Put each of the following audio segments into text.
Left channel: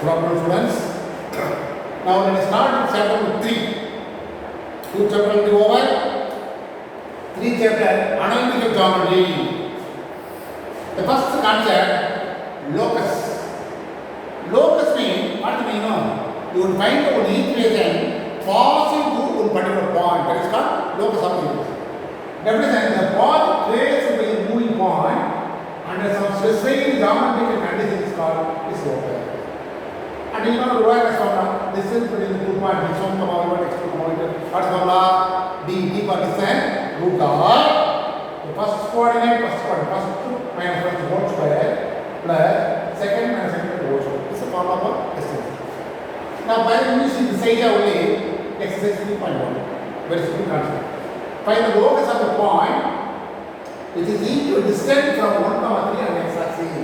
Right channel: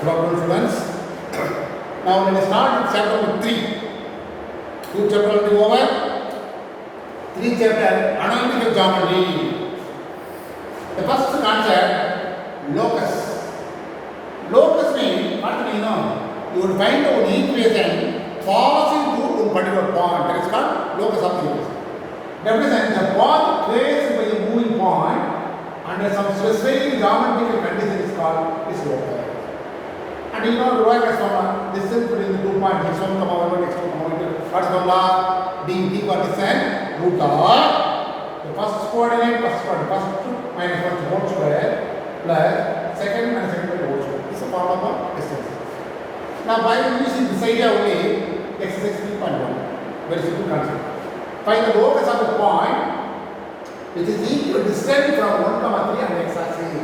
Good afternoon, students. Now let us start with chapter 3. 2 chapter will be over. 3 chapter analytical geometry. The first concept, locus. Locus means what do we know? You would find one equation passing through one particular point. That is called locus of the equation. Represent the path traced by the moving point under some specific geometrical condition is called is locus. And you know, Roy formula, distance between the 2 points, x1, y1, x2, y2. What's formula? D for distance, root of the first coordinate, first minus first whole square plus second minus second whole square. This is a formula for distance. Now, by using this idea only, exercise 3.1, very simple concept. Find the locus of the point which is equal distance from 1, 3 and x-axis.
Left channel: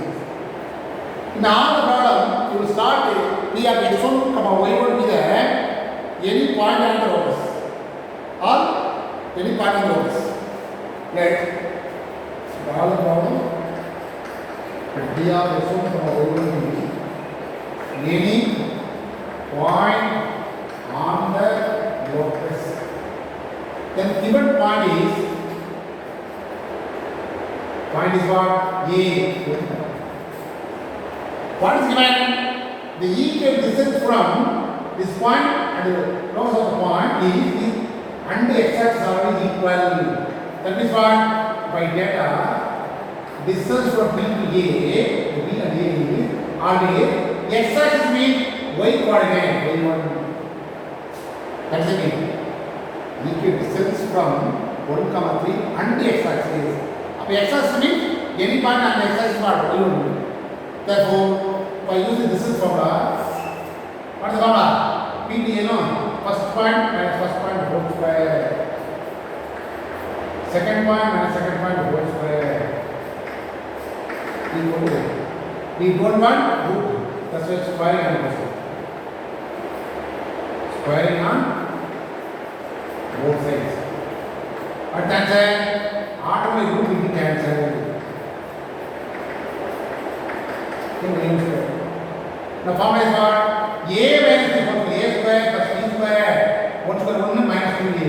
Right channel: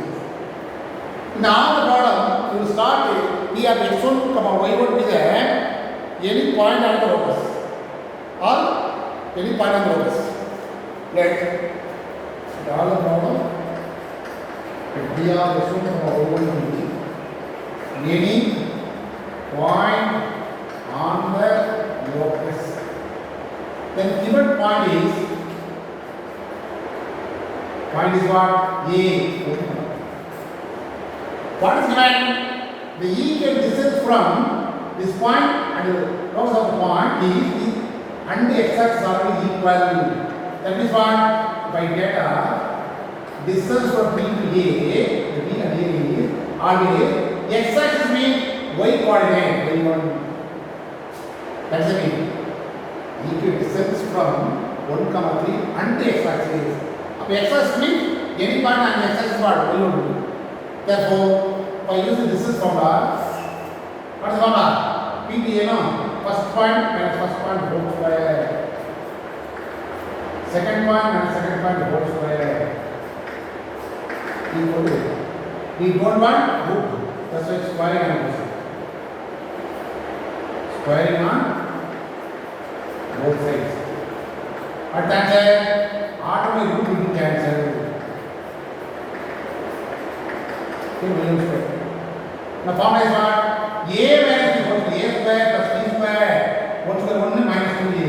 In all the problem, you will start with P of x1, y1 is any point on the locus or any point on the locus. Right? In all the problem, P of x1, y1 is any point on the locus. Then given point is what? A. What is given? The equal distance from this point and the locus of the point is and the x-axis are already equal. That means what? By data, distance from B to A, the B and A is always x-axis means y coordinate, y1. That's the mean. Equal distance from 1, 3 and the x-axis. X-axis means any point and the x-axis part y1. Therefore, by using distance formula, what is the formula? P to A, no? First point minus first point whole square. Second point minus second point whole square. Equal to. We don't want root. That's why squaring on both sides. Squaring on both sides. What answer? Automatic root will be cancelled. Now formula is what? A minus b equals to a square plus b square. 1 square 1 minus 2ab.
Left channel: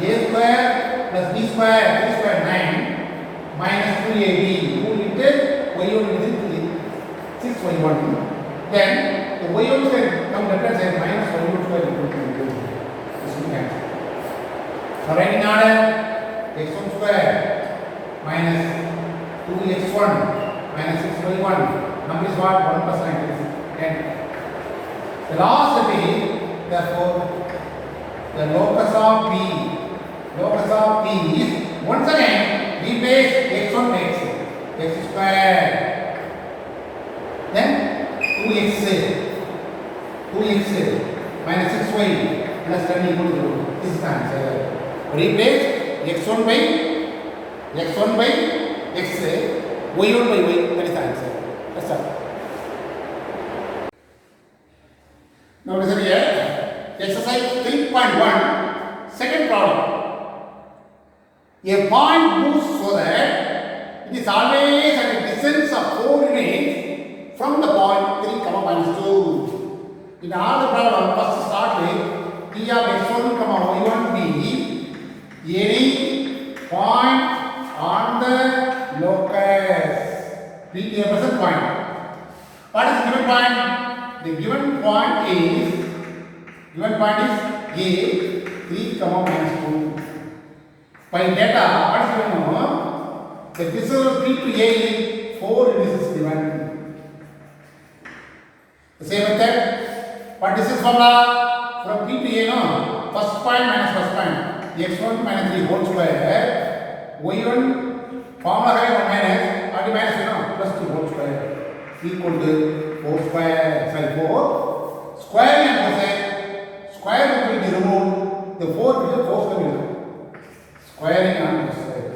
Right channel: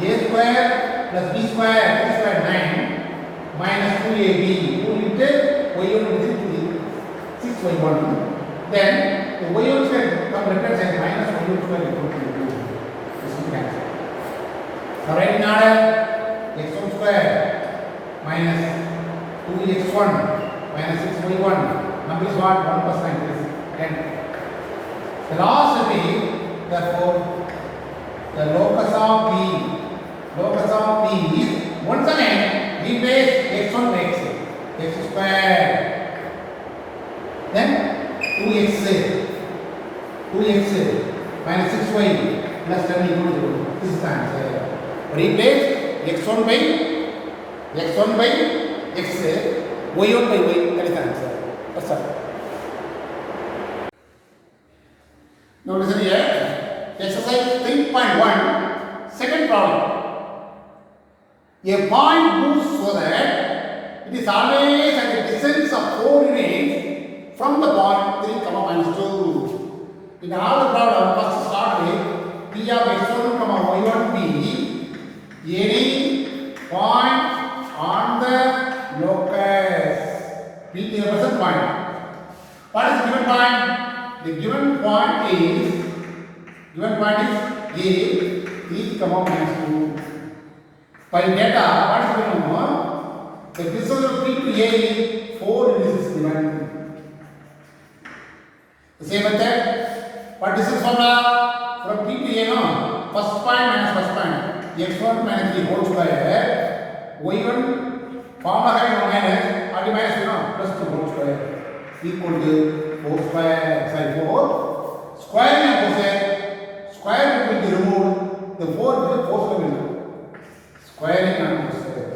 A square plus b square, 3 square 9 minus 2ab. 2 into y1 is 6y1. Then the y1 square come left hand side minus y1 square equal to 2. This will cancel. Now write in order x1 square minus 2x1 minus 6y1. Number is what? 1 plus 9 is 10. The last will be, therefore, the locus of P is, once again, replace x1 by x square. Then 2x minus 6y plus 10 equal to 0. This is the answer. Replace x1 by x, y1 by y, that is the answer. Let's start. Now listen here. Exercise 3.1, second problem. A point moves so that it is always at a distance of 4 units from the point 3, minus 2. In all the problem, first start with P of x1, y1 be any point on the locus. P is the present point. What is the given point? The given point is A, 3, minus 2. By data, what is given now? The distance of 3 to A is 4 units is given. The same method, what distance formula? From P to A, no? First point minus first point. x1 minus 3 whole square. y1 formula minus plus 2 whole square equal to 4 square, sorry 4. Square and cosine, square root will be removed, the 4 will be 4 square will be removed. Squaring and square.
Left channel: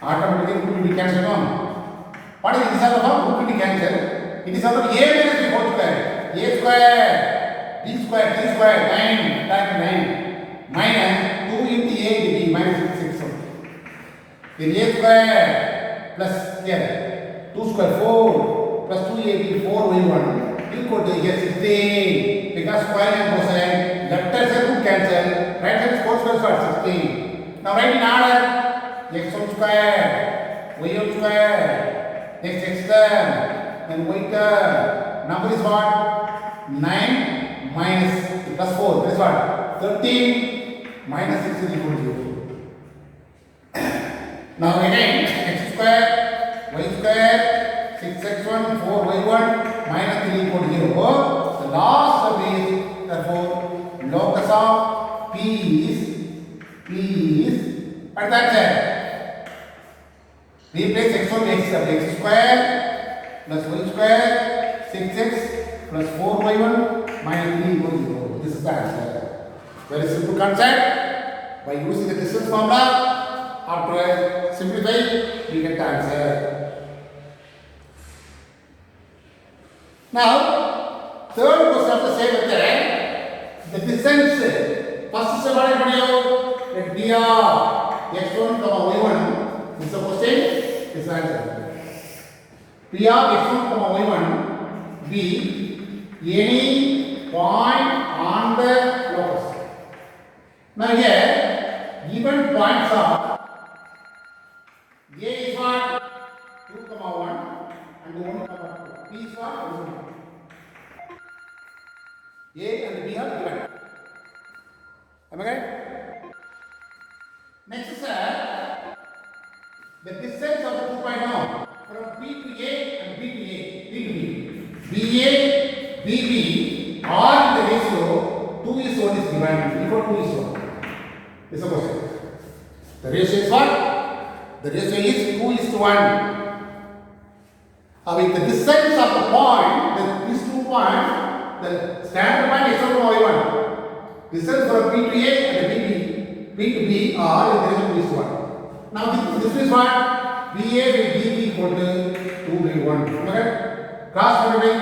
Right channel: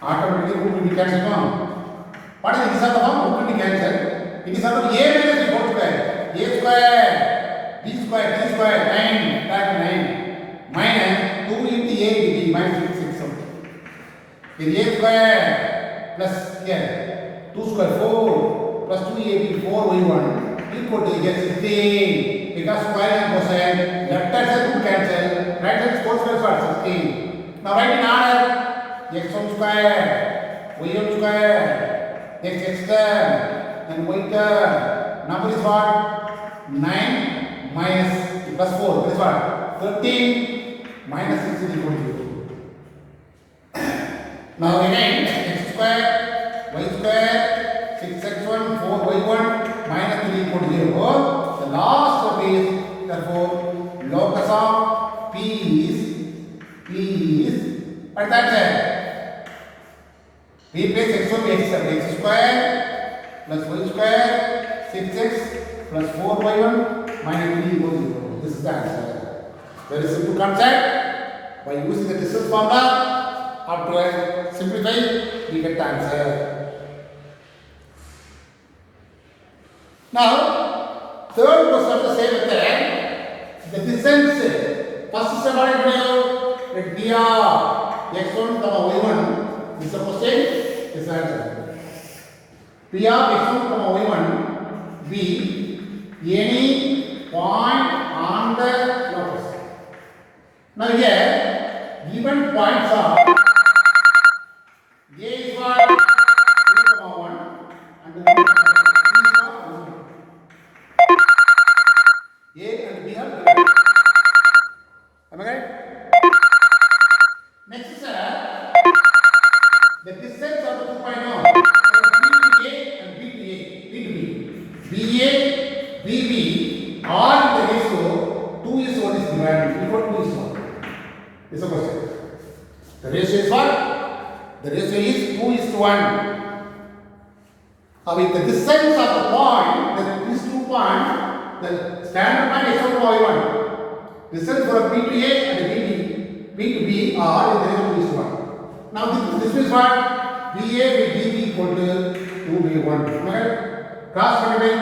Automatically root will be cancelled on. What is the result of root will be cancelled? It is out of a minus b whole square. A square, b square, 3 square, 9, 9 minus 2 into a into b minus 6. The a square plus here 2 square 4 plus 2ab 4y1 equal to here 16 because square and cosine left hand side would cancel, right hand square square is what 16. Now write in order x1 square, y1 square, next x term, then y term. Number is what? 9 minus plus 4 is what? 13 minus 6 is equal to 0. Now again x square, y square, 6x1, 4y1 minus 3 equal to 0. The last term is therefore locus of P is what that said? Replace x1 with x square plus y square 6x plus 4y1 minus 3 equal to 0. This is the answer. Very simple concept. By using the distance formula, after simplifying, we get the answer. Now, third question of the same method, the distance. First step what I let B of x1, y1. This is the question. This answer. P of x1, y1 be any point on the locus. Now here, given points are A is what 2, 1 and 1, B is what 1. A and B are given. Am I right? Next is the distance of the 2 point now from B to A and B to A, B to B. BA, BB are in the ratio 2 is 1 is divided equal to 2 is 1. This is a question. The ratio is what? The ratio is 2 is to 1. With the distance of the point, these 2 points, the standard point x1 to y1. Distance from B to A and B to B are in the ratio 2 is to 1. Now this is what? BA by BB equal to 2 by 1. Okay? Cross multiply.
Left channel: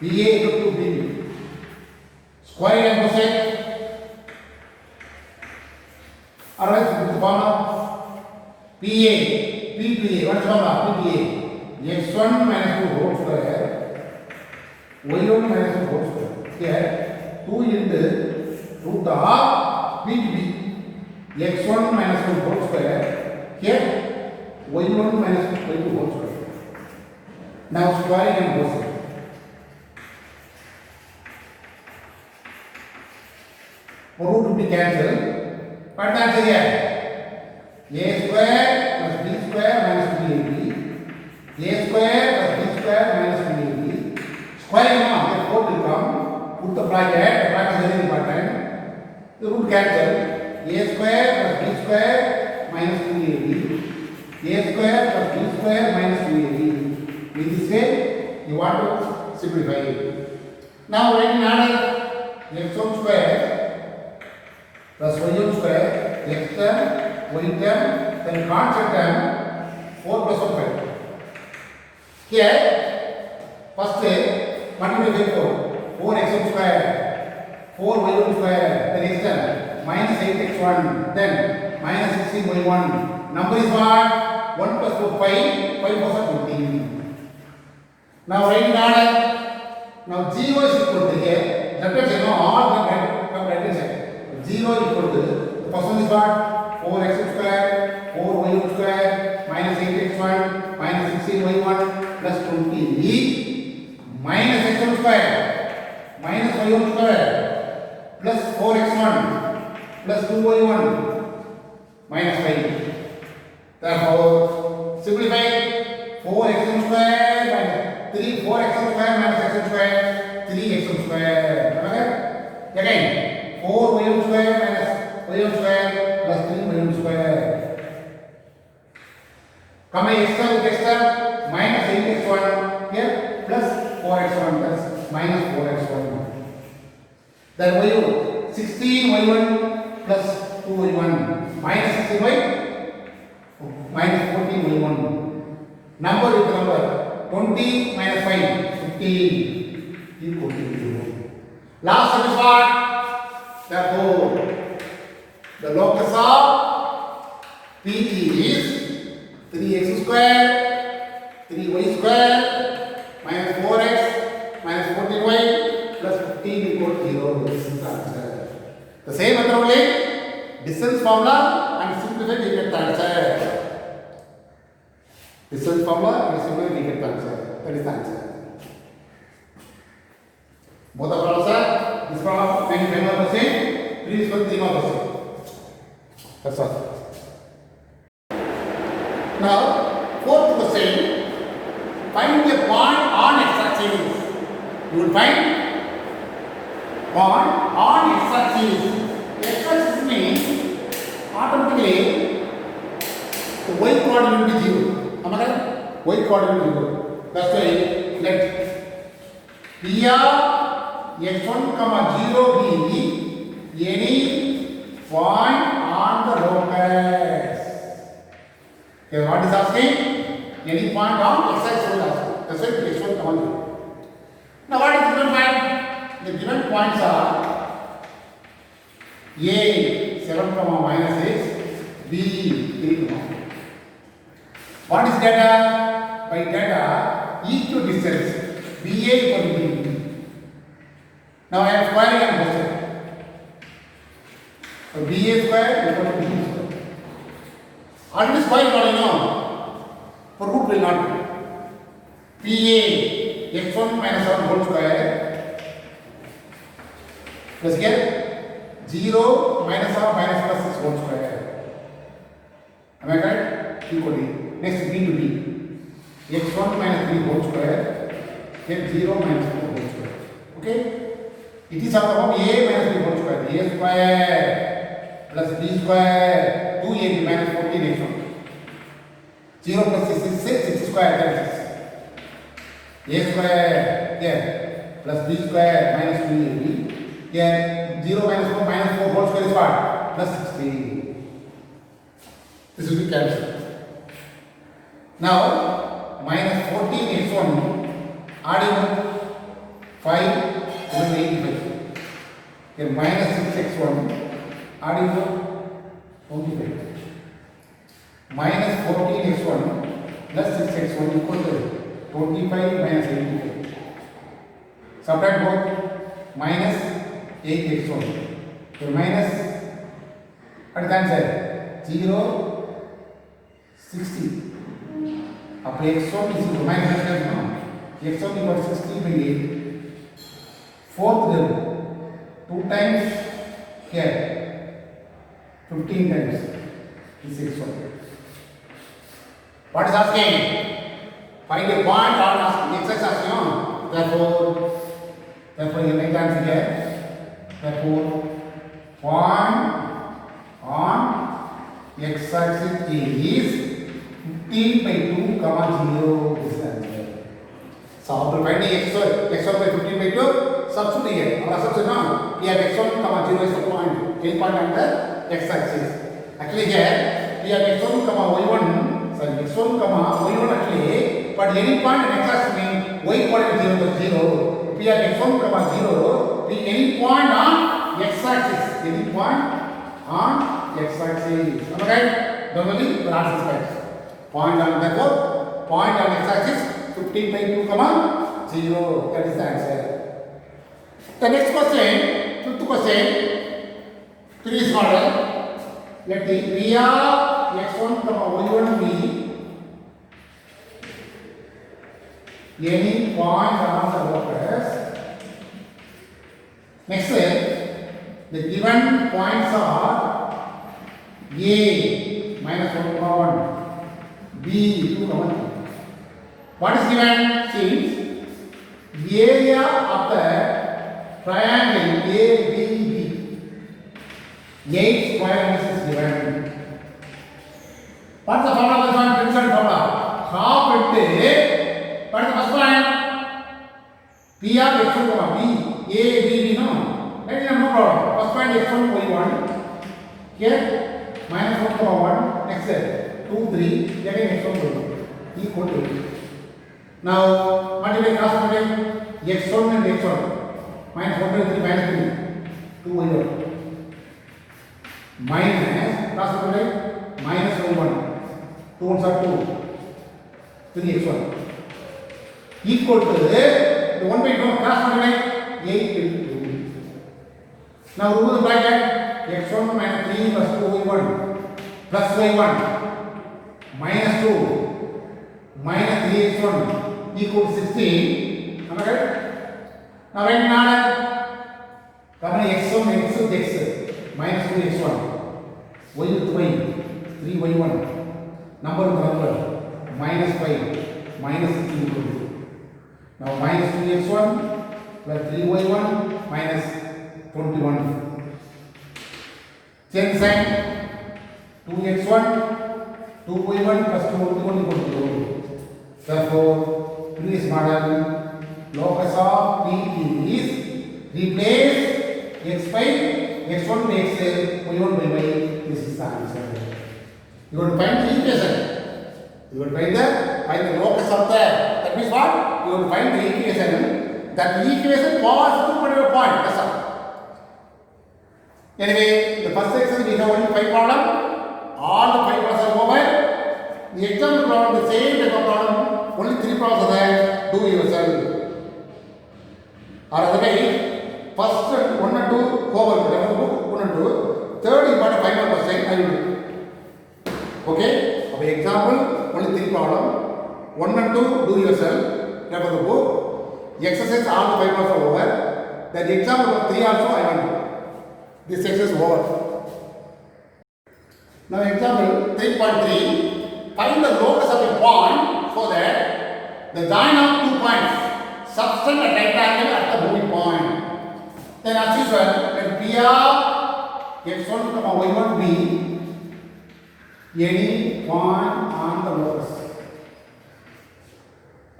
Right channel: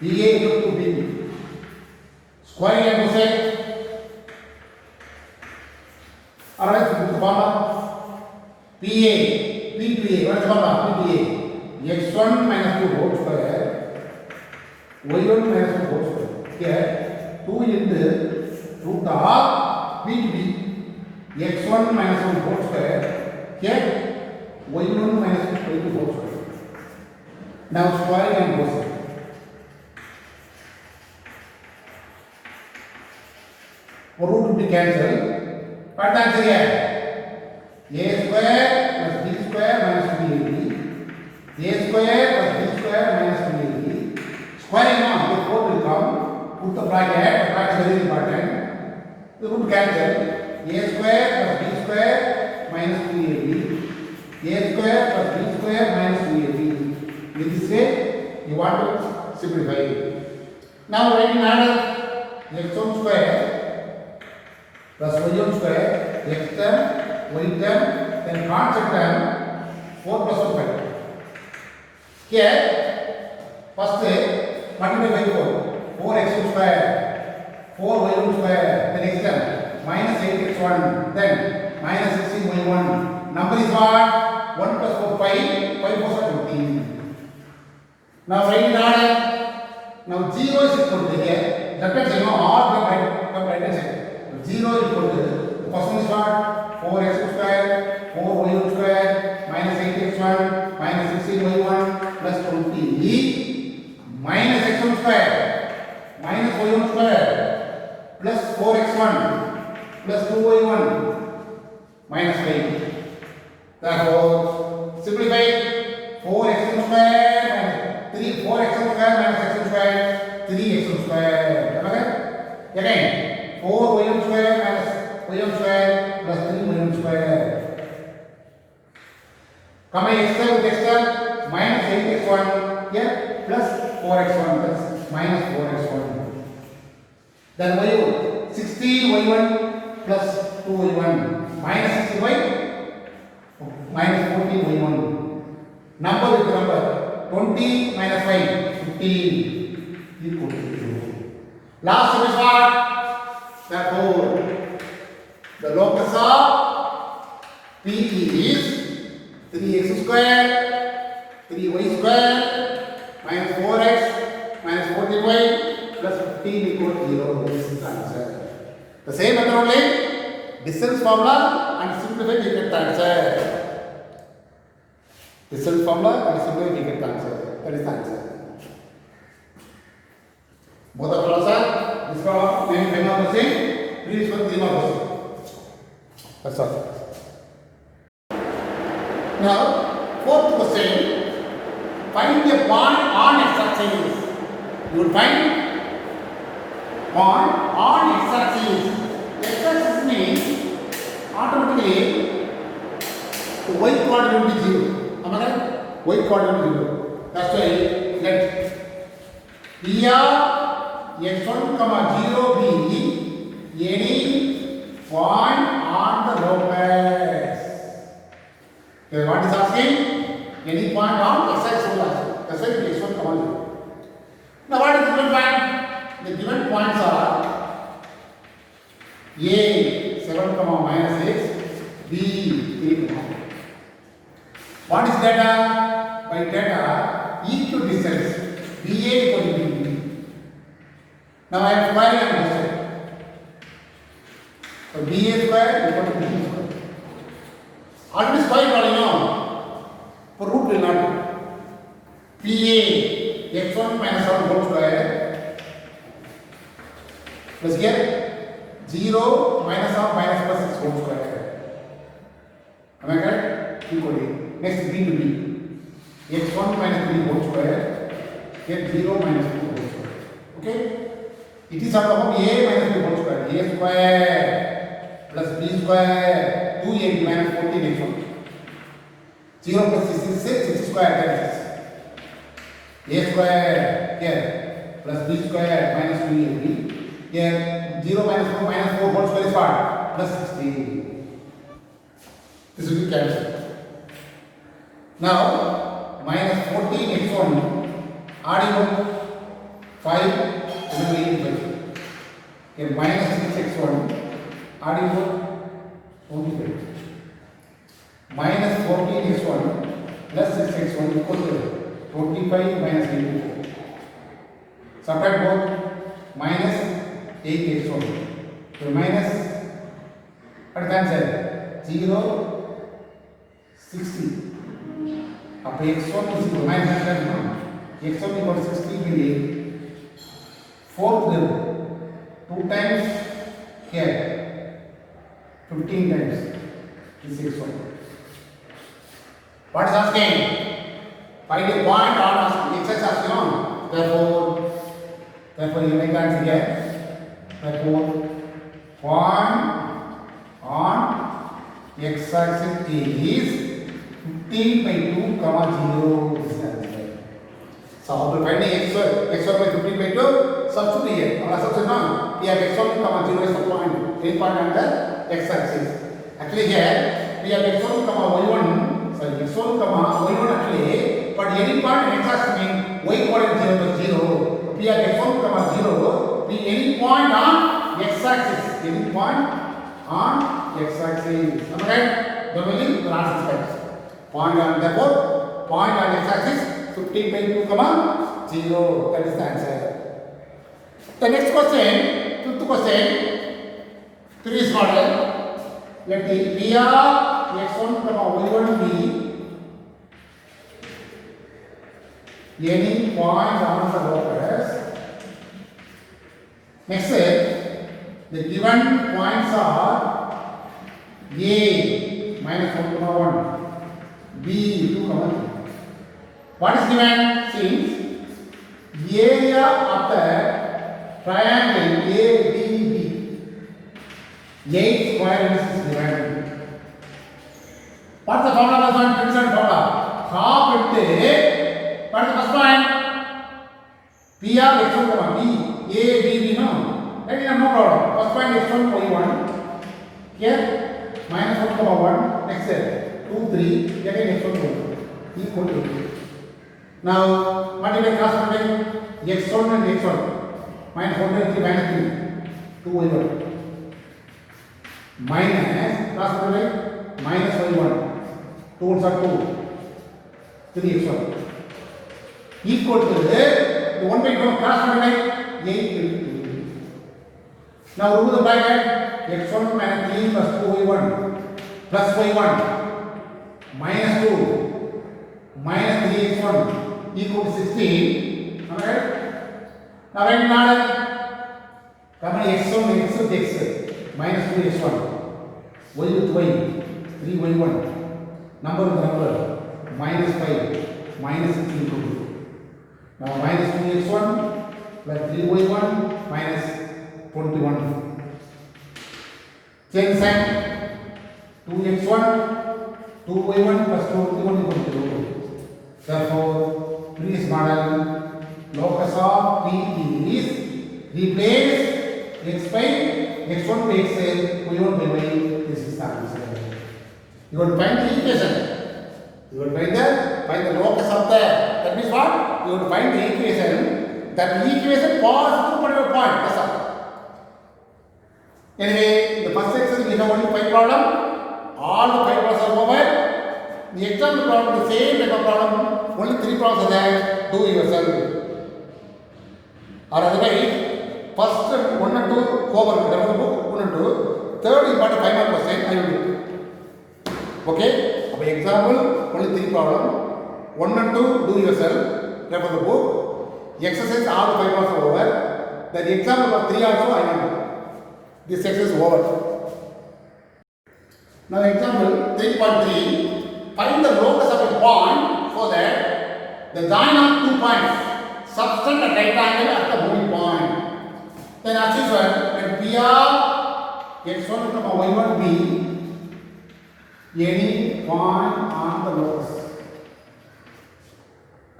BA equal to BB. Square and cosine. Alright, this is the formula. PA, PPA, what is the formula? PPA. x1 minus 2 whole square, y1 minus 2 whole square. Here, 2 into root of B to B. x1 minus 1 whole square. Here, y1 minus 2 whole square. Now square and cosine. Root will be cancelled. What the answer here? A square plus B square minus 2ab. A square plus B square minus 2ab. Square now, the 4 will come. Put the bracket is very important. The root cancel. A square plus B square minus 2ab. A square plus B square minus 2ab. In this way, you want to simplify it. Now write in order x1 square plus y1 square, x term, y term, then constant term, 4 plus 1 5. Here, first multiply by 4 x1 square, 4 y1 square, then x term, minus 8x1, then minus 16y1. Number is what? 1 plus 4 5, 5 plus 15. Now write in order. Now 0 is equal to here, that is all the right hand side. 0 equal to, the first one is what? 4x square, 4y1 square, minus 8x1, minus 16y1, plus 20, minus x1 square, minus y1 square, plus 4x1, plus 2y1, minus 5. Therefore, simplify 4x1 square, minus 4x1 square, minus x1 square, 3x1 square. Okay? Again. 4y1 square minus y1 square plus 3y1 square. Come x term with x term minus 8x1 here plus 4x1 plus minus 4x1. Then y1 16y1 plus 2y1 minus 16y minus 14y1. Number with number 20 minus 5 15 equal to 0. Last one is what? Therefore, the locus of P is 3x square 3y square minus 4x minus 14y plus 15 equal to 0. This is the answer. The same method only, distance formula and simplify we get the answer. Distance formula and simplify we get the answer. That is the answer. Both of them are this one many member percent, previous one 3%. That's all. Now, fourth question. Find a point on x-axis. You will find point on x-axis. X-axis means automatically the y coordinate will be 0. Am I right? Y coordinate will be 0. That's why let P of x1 comma 0 be any point on the locus. Okay, what is asking? Any point on x-axis will ask. That's why x1 comma 0. Now what is the given point? The given points are A 7 comma minus 6, B 3 comma. What is data? By data, equidistance BA equal to BB. Now I am squaring on both sides. So BA square equal to BB square. Already square all you know. For root will not do. PA x1 minus 1 whole square plus here 0 minus or minus plus 6 whole square. Am I correct? Equally. Next B to B. x1 minus 3 whole square. Then 0 minus 2 whole square. Okay? It is of the form A minus 2 whole square. A square plus B square 2AB minus 14x1. 0 plus 6 is 6 square, that is 6. A square here plus B square minus 2AB. Here 0 minus 4 minus 4 whole square is what? Plus 16. This will be cancelled. Now minus 14x1 adding 5 even 85. Here minus 6x1 adding 25. Minus 14x1 plus 6x1 equal to 25 minus 84. Subtract both. Minus 8x1. So minus, what is the answer? 0, 60. Up x1 is equal to minus x1 equal to 60 by 8. Fourth level. 2 times here. 15 times. This is x1. What is asking? Find a point on x-axis asking. Therefore you make answer here. Therefore, point on x-axis is 15 by 2 comma 0. This is answer. So after finding x1 by 15 by 2, substitute here. Our substitute we have x1 comma 0 is the point. Any point on the x-axis. Actually here we have x1 comma y1. Sorry, x1 comma y1 actually, but any point on x-axis means y coordinate 0 to 0. We have x1 comma 0. Be any point on x-axis. Any point on x-axis. Am I right? Normally the answer is right. Point on therefore point on x-axis 15 by 2 comma 0. That is the answer. The next question, fifth question, 3 is model. Let the P of x1 comma y1 be any point on the locus. Next, the given points are A minus 1 comma 1, B 2 comma 3. What is given? Since area of the triangle ABB 8 square is given. What is the formula? This one Pearson formula. Half into what is the first point? P of x1 comma B A B B no. That is no problem. First point x1 y1. Here minus 1 comma 1. Next 2 3. Again x1 y1 equal to 8. Now multiply cross multiply x1 and x1. Minus 1 by 3 minus 3. 2 y1. Minus cross multiply minus y1. 2 ones are 2. 3x1 equal to the 1 by 2 cross multiply 8 will be 2. Now remove the bracket x1 minus 3 plus 2y1 plus y1 minus 2 minus 3x1 equal to 16. Am I right? Now write in order. Come on, x1 x with x minus 2x1 y with y 3y1 number with number minus 5 minus 16 equal to 2. Now minus 2x1 plus 3y1 minus 21. Change sign 2x1 2y1 plus 21 equal to 2. Therefore, previous model locus of P is replace x by x1 by x y1 by y. This is the answer. You will find the equation. You will find the locus of the. That means what? You will find the equation. That equation possible for your point. That's all. Anyway, the first section we have only 5 problems. All the 5 problems are over. The example problem, the same type of problem. Only 3 problems are there. Do yourself. Or otherwise, first 1 and 2 over. 1 and 2. Third important final question I will do. Okay? For example, only 3 problems. 1 and 2 do yourself. Refer the book. Exercise all the 5 problems are over. Then the example of 3 also I will do. This exercise is over. Now example 3.3. Find the locus of a point so that the join of 2 points subtend a right angle at the moving point. Then as usual, let P of x1, y1 be any point on the locus.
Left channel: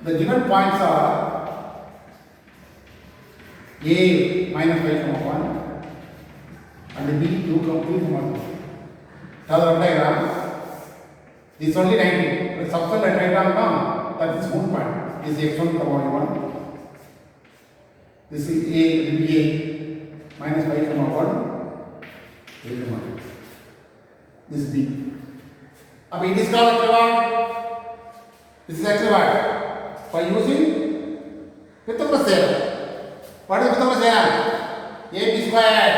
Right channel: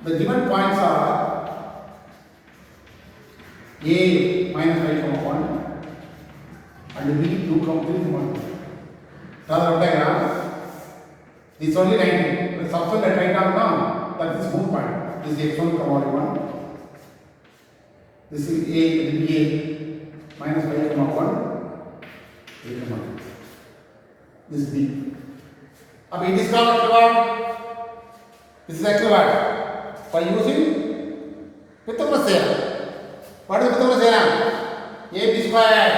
The given points are A minus 5, 1 and B 2, 3, 1. Now the diagram. This is only 90. The substance at right angle now, that is one point. This is x1, y1. This is A, will be A minus 5, 1, A, 1. This is B. Now it is called actually what? This is actually what? By using Pythagoras theorem. What is Pythagoras theorem? AB square.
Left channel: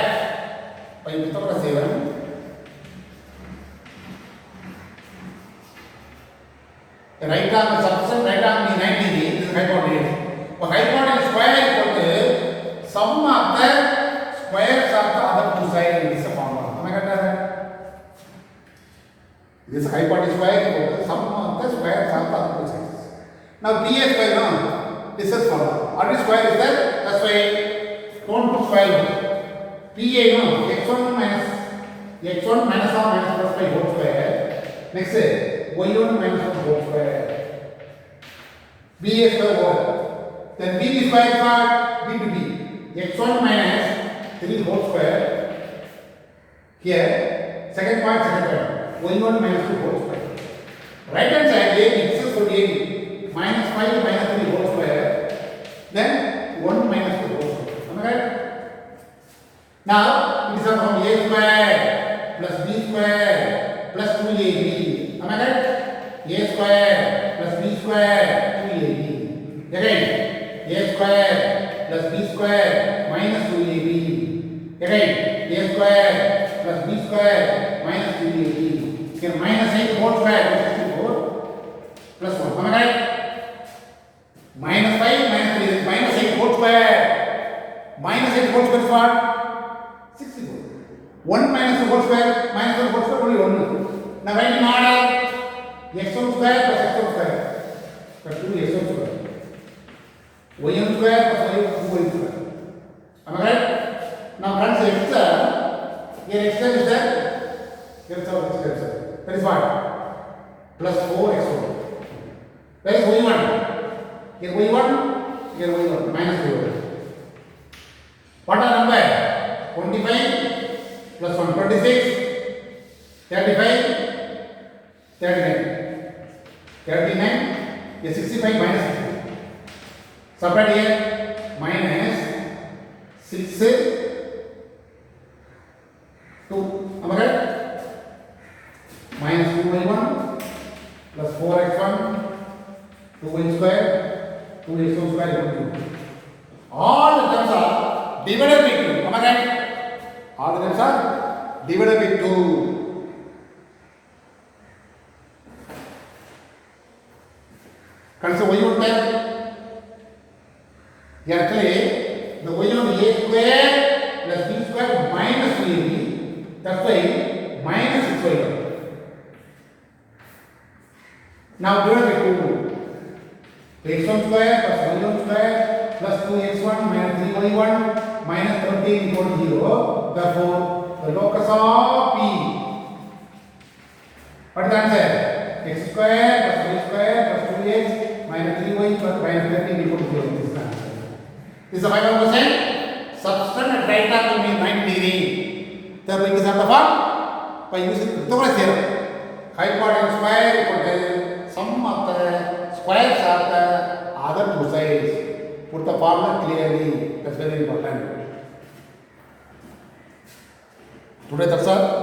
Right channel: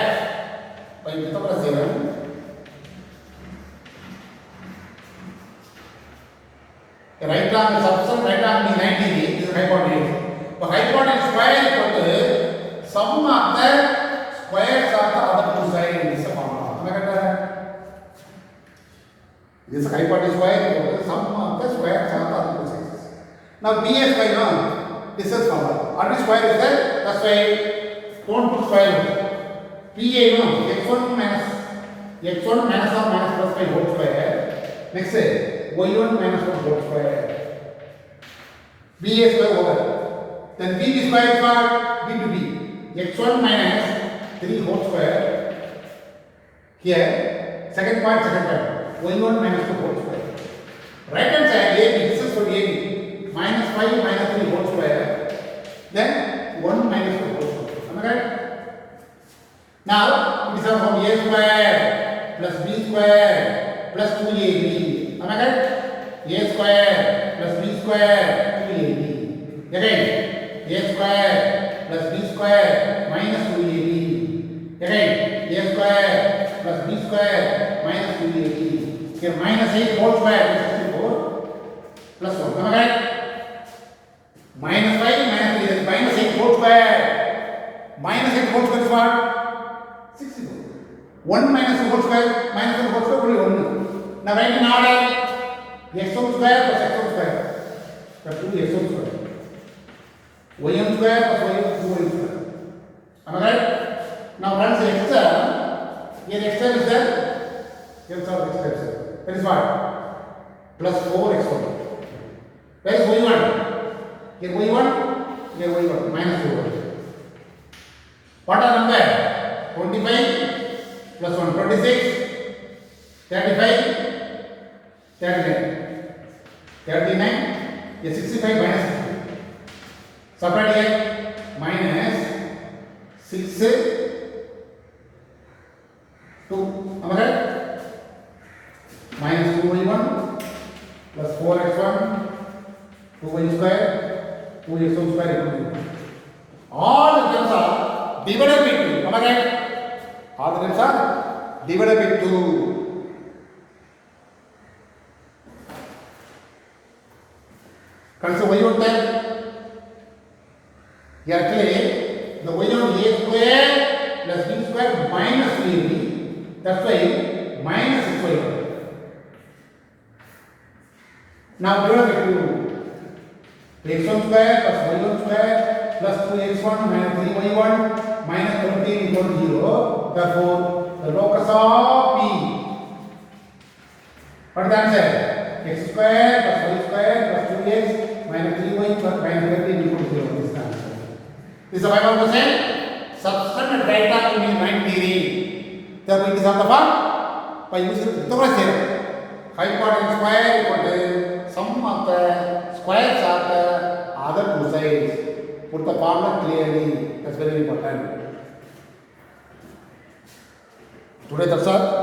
By Pythagoras theorem, the right angle substance, right angle is 90 degrees. This is hypotenuse. So hypotenuse square equal to sum of the squares of the other two sides. This is a formula. Am I correct? This hypotenuse square equal to sum of the squares of the other two sides. Now B is square, no? This is formula. Already square is there. That's why don't put square root. PA, no? x1 minus or minus plus 5 whole square. Next y1 minus 1 whole square. B a square over. Then B square is what? B to B. x1 minus 3 whole square. Here, second point. y1 minus 2 whole square. Right hand side, AB, this is for AB. Minus 5 minus 3 whole square. Then 1 minus 2 whole square. Am I right? Now, it is from A square plus B square plus 2AB. Am I right? A square plus B square 2AB. Again, A square plus B square minus 2AB. Again, A square plus B square minus 2AB. Here minus 8 whole square 64 plus 1. Am I right? Minus 5 minus 3 is minus 8 whole square. Minus 8 whole square is what? 64. 1 minus 2 whole square minus 1 whole square only 1. Now write in order x1 square plus x1 square plus 2x1 square. y1 square plus y1 square. Am I right? Now friends, extra. Here extra is there. Here is our extra. That is what? Plus 4x1. That is y1. Here y1. Here y1. Minus y1. What are number? 25 plus 1. 26. 35. 39. Yes, 65 minus 60. Separate here. Minus 6. 2. Am I right? Minus 2y1 plus 4x1 2y square, 2x square equal to 2. All the terms are divided by 2. Am I right? All the terms are divided by 2. Consider y1 term. Here actually the y1 a square plus b square minus 3ab. That's why minus 6y1. Now divided by 2. x1 square plus y1 square plus 2x1 minus 3y1 minus 13 equal to 0. Therefore, the locus of P. What is the answer? X square plus y square plus 2x minus 3y plus minus 13 equal to 0. This is the answer. This is the final question. Substance data to be mind theory. Therefore, it is not the form by using Pythagoras theorem. Hypotenuse square equal to sum of the squares of the other two sides. Put the formula clearly. That's very important. Today that's all.